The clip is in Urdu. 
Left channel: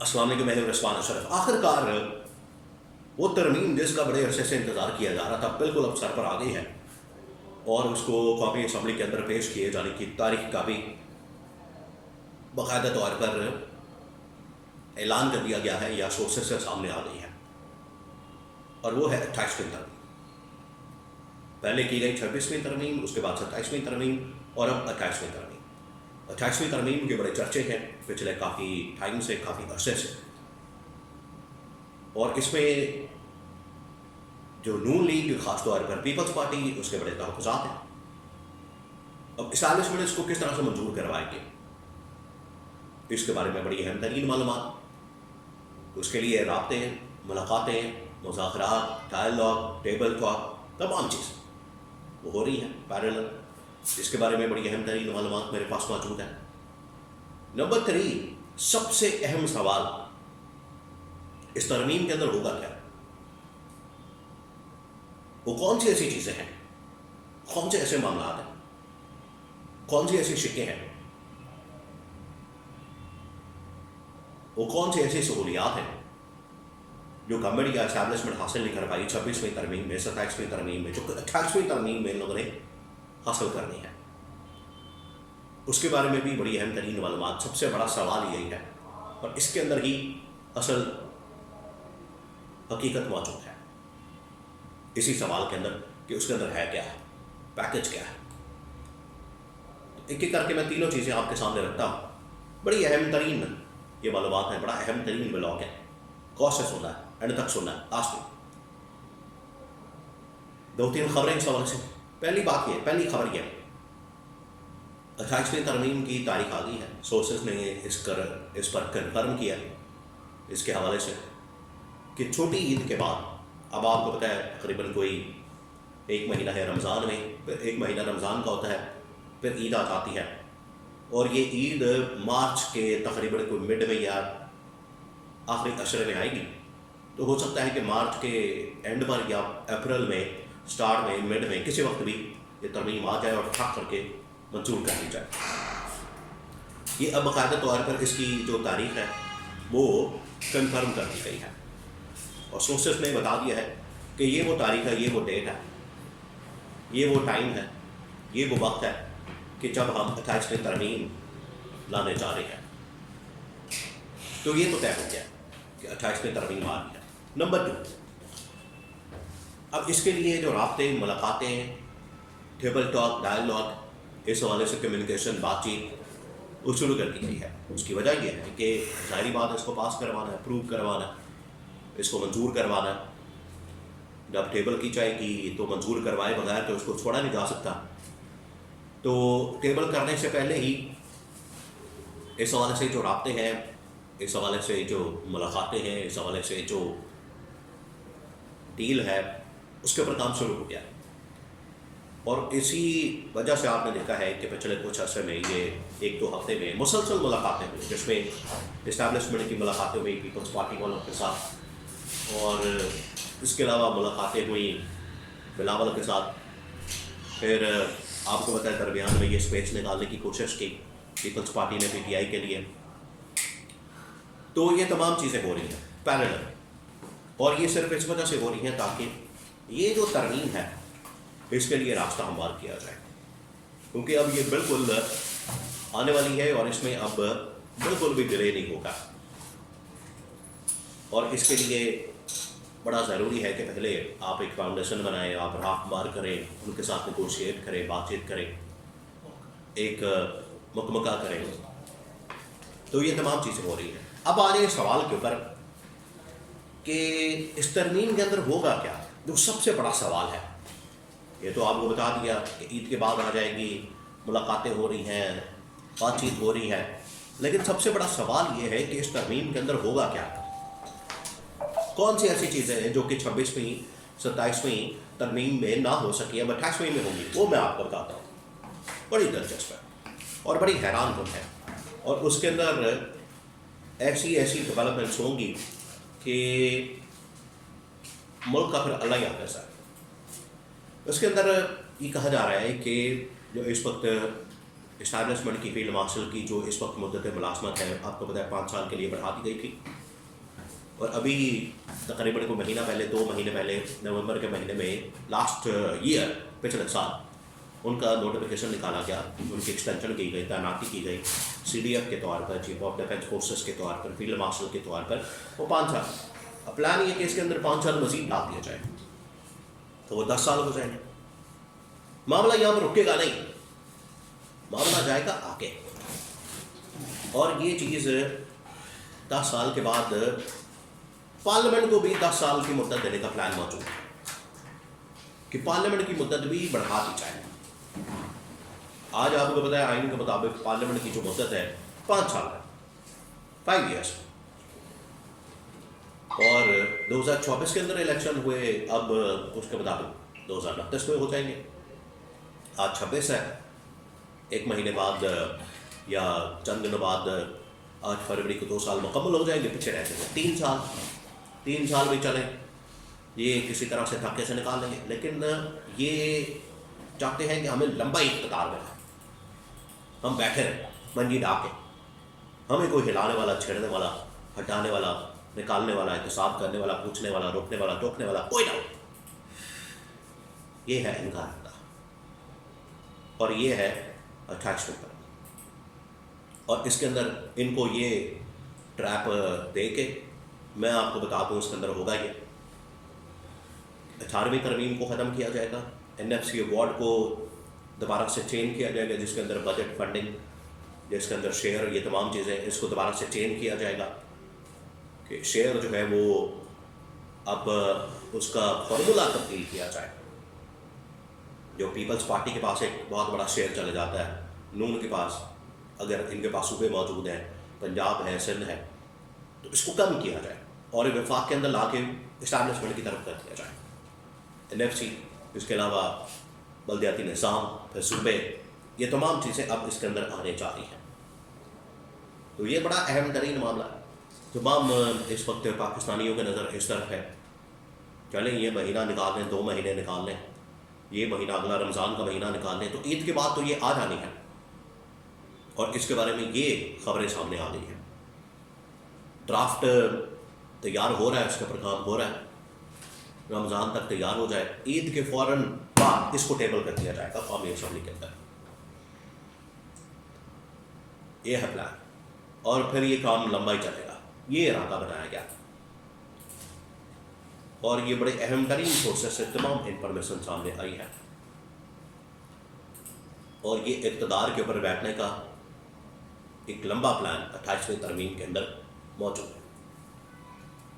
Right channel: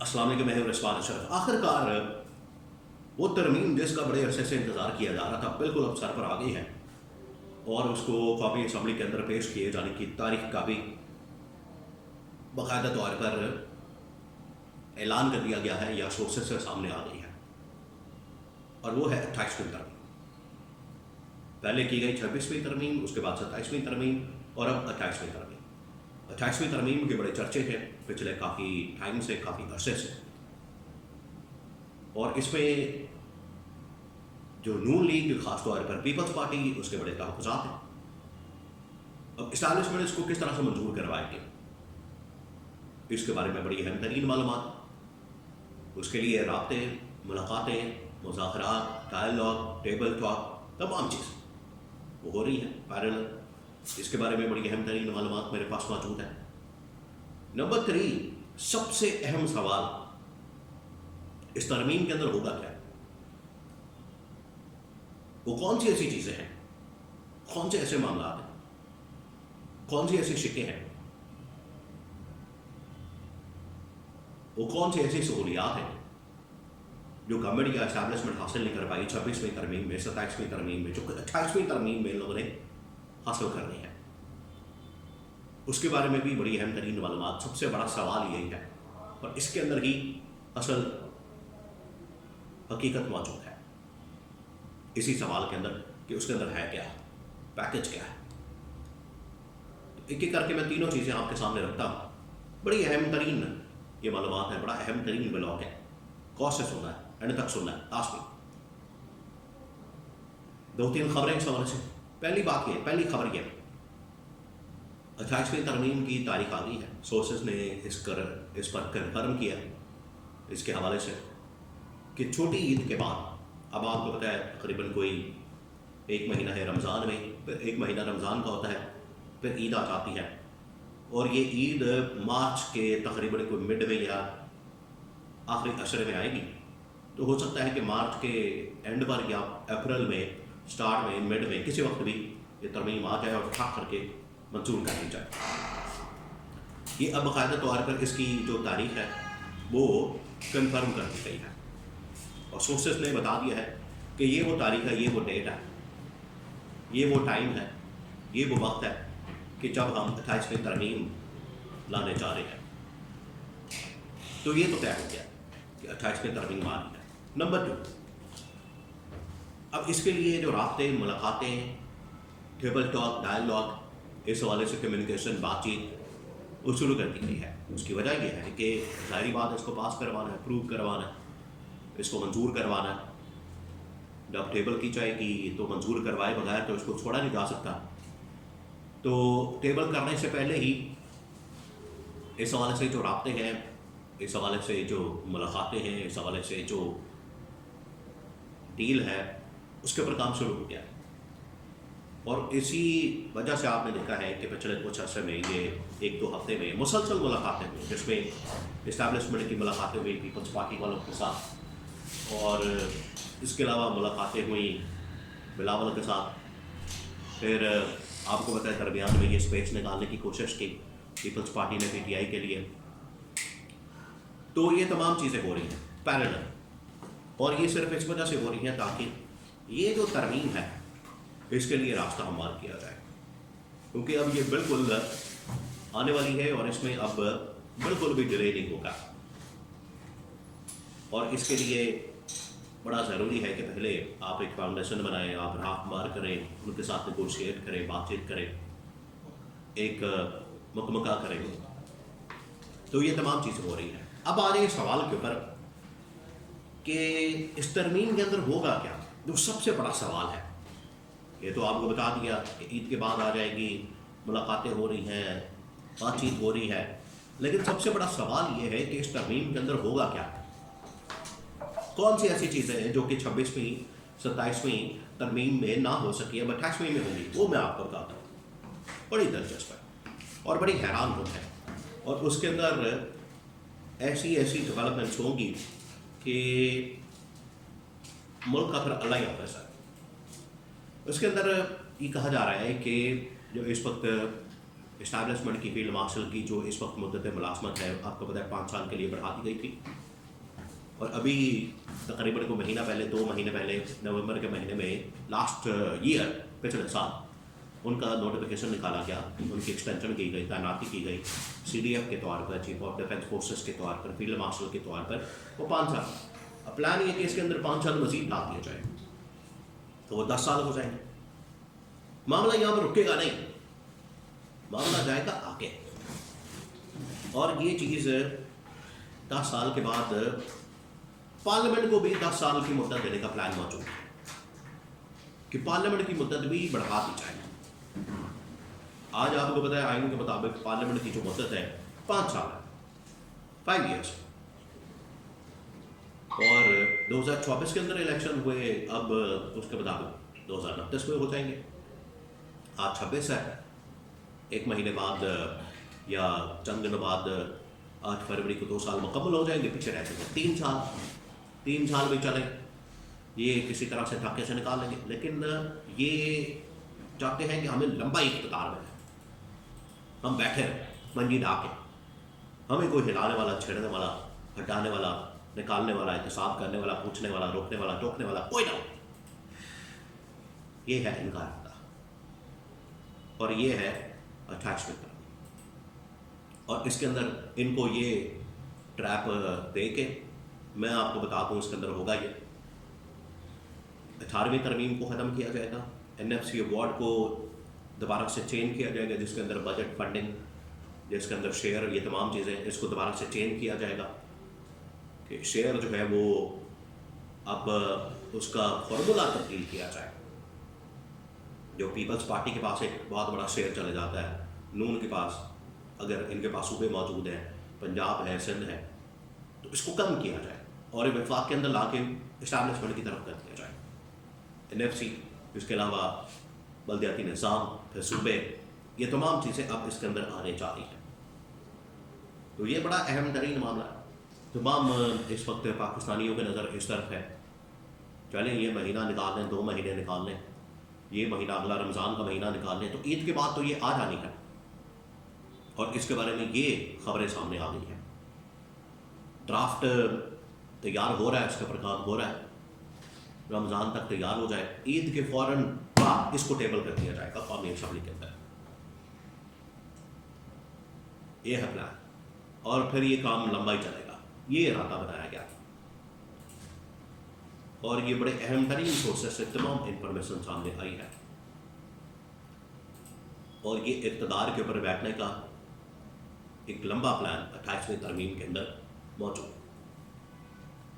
السلام علیکم، میں ہوں رضوان اشرف۔ آخر کار وہ ترمیم جس کا بڑے عرصے سے انتظار کیا جا رہا تھا بالکل اب سر پر آ گئی ہے، اور اس کو قومی اسمبلی کے اندر پیش کیے جانے کی تاریخ کا بھی باقاعدہ طور پر اعلان کر دیا گیا ہے یا سورسز سے سامنے آ گئی ہے، اور وہ ہے 28ویں ترمیم۔ پہلے کی گئی 26ویں ترمیم، اس کے بعد 27ویں ترمیم، اور اب 28ویں ترمیم۔ 28ویں ترمیم کے بڑے چرچے ہیں پچھلے کافی ٹائم سے، کافی عرصے سے، اور اس میں جو نون لیگ، خاص طور پر پیپلز پارٹی، اس کے بڑے تحفظات ہیں۔ اب اسٹیبلشمنٹ اس کو کس طرح سے منظور کروائے گی، اس کے بارے میں بڑی اہم ترین معلومات، اس کے لیے رابطے، ملاقاتیں، مذاکرات، ڈائلاگ، ٹیبل ٹاک، تمام چیزیں وہ ہو رہی ہیں پیرلل۔ اس کے بارے میں بڑی اہم ترین معلومات میرے پاس موجود ہیں۔ نمبر 3، سب سے اہم سوال اس ترمیم کے اندر ہوگا کیا؟ وہ کون سی ایسی چیزیں ہیں، کون سے ایسے معاملات ہیں، کون سی ایسی شکیں ہیں، وہ کون سی ایسی سہولیات ہیں جو گورنمنٹ یا اسٹیبلشمنٹ حاصل نہیں کر پائی 26ویں ترمیم میں، 27ویں ترمیم میں، جو 28ویں ترمیم میں ان لوگوں نے حاصل کرنی ہے۔ اس کے بارے میں بھی بڑی اہم ترین معلومات۔ سب سے بڑا سوال یہی ہے، اور اس کے اندر ہی اصل حقیقت موجود ہے، اسی سوال کے اندر کہ اس کے اندر ہے کیا، پیکج کیا ہے۔ تو ایک ایک کر کے میں تینوں چیزیں آپ کے سامنے رکھتا ہوں۔ بڑی اہم ترین یہ معلومات ہیں، بڑا اہم ترین بلاک ہے، غور سے سننا ہے، اینڈ تک سننا ہے، لاسٹ میں 2-3 خبریں اس حوالے سے۔ پہلی بات یہ، پہلی خبر یہ، 28ویں ترمیم کی تاریخ آ گئی ہے۔ سورسز نے اس پر کنفرم کیا اس کے حوالے سے کہ چھوٹی عید کے بعد، اب آپ کو پتہ ہے تقریباً کوئی 1 مہینہ ہے رمضان میں، پھر 1 مہینہ رمضان کا ہوتا ہے، پھر عید آ جاتی ہے، اور یہ عید مارچ کے تقریباً کوئی مڈ میں یا آخری عشرے میں آئے گی۔ تو ہو سکتا ہے کہ مارچ کے اینڈ پر یا اپریل میں سٹارٹ میں، مڈ میں، کسی وقت بھی یہ ترمیم آ جائے اور ٹھک کر کے منظور کر لی جائے۔ یہ اب باقاعدہ طور پر اس کی جو تاریخ ہے وہ کنفرم کر دی گئی ہے، اور سورسز نے بتا دیا ہے کہ یہ وہ تاریخ ہے، یہ وہ ڈیٹ ہے، یہ وہ ٹائم ہے، یہ وہ وقت ہے کہ جب ہم 28ویں ترمیم لانے جا رہے ہیں۔ تو یہ تو طے ہو گیا کہ 28ویں ترمیم آ رہی ہے۔ نمبر 2، اب اس کے لیے جو رابطے، ملاقاتیں، ٹیبل ٹاک، ڈائلاگ، اس حوالے سے کمیونیکیشن، بات چیت وہ شروع کر دی گئی ہے۔ اس کی وجہ یہ ہے کہ ظاہری بات ہے، اس کو پاس کروانا ہے، اپروو کروانا ہے، اس کو منظور کروانا ہے۔ جب ٹیبل کی جائے گی تو منظور کروائے بغیر تو اس کو چھوڑا نہیں جا سکتا۔ تو ٹیبل کرنے سے پہلے ہی اس حوالے سے جو رابطے ہیں، اس حوالے سے جو ملاقاتیں ہیں، اس حوالے سے جو ڈیل ہے، اس کے اوپر کام شروع ہو گیا۔ اور اسی وجہ سے آپ نے دیکھا ہے کہ پچھلے کچھ عرصے میں، یہ 1-2 ہفتے میں مسلسل ملاقاتیں ہوئی، جس میں اسٹیبلشمنٹ کی ملاقاتیں ہوئی پیپلز پارٹی والوں کے ساتھ، اور اس کے علاوہ ملاقاتیں ہوئیں بلاول کے ساتھ۔ پھر آپ کو پتہ ہے درمیان میں یہ اسپیس نکالنے کی کوشش کی پیپلز پارٹی نے PTI کے لیے۔ تو یہ تمام چیزیں ہو رہی ہیں پیرلل، اور یہ صرف اس وجہ سے ہو رہی ہیں تاکہ یہ جو ترمیم ہے اس کے لیے راستہ ہموار کیا جائے، کیونکہ اب یہ بالکل آنے والی ہے، اور اس میں اب بالکل بھی ڈیلے نہیں ہوگا۔ اور اس کے لیے بڑا ضروری ہے کہ پہلے آپ ایک فاؤنڈیشن بنائیں، آپ راہ ہموار کریں، ان کے ساتھ نیگوشیٹ کریں، بات چیت کریں، ایک مکمکہ کریں۔ تو یہ تمام چیزیں ہو رہی ہیں۔ اب آ جائیں اس سوال کے اوپر کہ اس ترمیم کے اندر ہوگا کیا، جو سب سے بڑا سوال ہے۔ یہ تو آپ کو بتا دیا کہ عید کے بعد آ جائے گی، ملاقاتیں ہو رہی ہیں، بات چیت ہو رہی ہے، لیکن سب سے بڑا سوال یہ ہے کہ اس ترمیم کے اندر ہوگا کیا، کون سی ایسی چیزیں ہیں جو کہ 26ویں 27ویں ترمیم میں نہ ہو سکی، اب 28ویں میں ہوں گی، وہ میں آپ کو بتاتا ہوں۔ بڑی دلچسپ ہے اور بڑی حیران کن ہے، اور اس کے اندر ایسی ڈیولپمنٹس ہوں گی کہ ملک کا پھر اللہ ہی حافظ ہے۔ اس کے اندر یہ کہا جا رہا ہے کہ جو اس وقت اسٹیبلشمنٹ کی فیلڈ مارشل کی جو اس وقت مدت ملازمت ہے آپ کو پتہ ہے 5 سال کے لیے بڑھا دی گئی تھی، اور ابھی تقریباً کوئی مہینہ پہلے 2 مہینے پہلے نومبر کے مہینے میں لاسٹ ایئر پچھلے سال ان کا نوٹیفیکیشن نکالا گیا، ان کی ایکسٹینشن کی گئی، تعیناتی کی گئی سی ڈی ایف کے طور پر، چیف آف ڈیفینس فورسز کے طور پر، فیلڈ مارشل کے طور پر، وہ 5 سال۔ اب پلان یہ کہ اس کے اندر 5 سال مزید ڈال دیا جائے تو وہ 10 سال ہو جائیں گے۔ معاملہ یہاں پر رکے گا نہیں، معاملہ جائے گا آگے، اور یہ چیز 10 سال کے بعد پارلیمنٹ کو بھی 10 سال کی مدت دینے کا پلان موجود ہے کہ پارلیمنٹ کی مدت بھی بڑھا دی جائے۔ آج آپ کو پتہ ہے آئین کے مطابق پارلیمنٹ کی جو مدت ہے 5 سال ہے، 5 ایئرس، اور 2024 کے اندر الیکشن ہوئے، اب اس کے مطابق 2029 میں ہو جائیں گے۔ آج 26 ہے، 1 مہینے بعد یا چند دنوں بعد 8 فروری کو 2 سال مکمل ہو جائیں گے، پیچھے رہ جائیں گے 3 سال بھی چلیں، یہ کسی طرح سے دھکے سے نکال لیں گے، لیکن یہ چاہتے ہیں کہ ہمیں لمبا اقتدار میں ہم بیٹھے رہیں منجی ڈا کے، ہمیں کوئی ہلانے والا، چھیڑنے والا، ہٹانے والا، نکالنے والا، احتساب کرنے والا، پوچھنے والا، روکنے والا، ٹوکنے والا کوئی نہ ہو۔ یہ ہے ان کا ارادہ، اور یہ ہے 28ویں ترمیم، اور اس کے اندر ان کو یہ ٹریپ دے کے میں آپ کو بتا دوں اس کے اندر ہوگا یہ 18ویں ترمیم کو ختم کیا جائے گا، NFC ایوارڈ کو دوبارہ سے چینج کیا جائے گا، جس کے اندر بجٹ فنڈنگ، جس کے اندر شیئر، یہ تمام چیزیں، اس کو دوبارہ سے چینج کیا جائے گا کہ شیئر جو ہے وہ اب اس کا فارمولا تبدیل کیا جائے۔ جو پیپلز پارٹی کے پاس ایک بہت بڑا شیئر چلے جاتا ہے، نون کے پاس، اگر ان کے پاس صوبے موجود ہیں، پنجاب ہے، سندھ ہے، تو اس کو کم کیا جائے اور وفاق کے اندر لا کے اسٹیبلشمنٹ کی طرف کر دیا جائے۔ NFC، اس کے علاوہ بلدیاتی نظام، پھر صوبے، یہ تمام چیزیں اب اس کے اندر آنے جا رہی ہیں، تو یہ بڑا اہم ترین معاملہ ہے۔ تمام اس وقت پاکستانیوں کی نظر اس طرف ہے، چلیں یہ مہینہ نکال لیں، 2 مہینے نکال لیں، یہ مہینہ اگلا رمضان کا مہینہ نکال لیں، تو عید کے بعد تو یہ آ جانی ہے، اور اس کے بارے میں یہ خبریں سامنے آ گئی ہیں۔ ڈرافٹ تیار ہو رہا ہے، اس کے پر کام ہو رہا ہے، رمضان تک تیار ہو جائے، عید کے فوراً بعد اس کو ٹیبل کر دیا جائے گا قومی اسمبلی کے اندر، یہ ہے پلان، اور پھر یہ کام لمبا ہی چلے گا، یہ ارادہ بنایا گیا، اور یہ بڑے اہم ترین سورسز سے تمام انفارمیشن سامنے آئی ہے، اور یہ اقتدار کے اوپر بیٹھنے کا ایک لمبا پلان 28ویں ترمیم کے اندر موجود ہے۔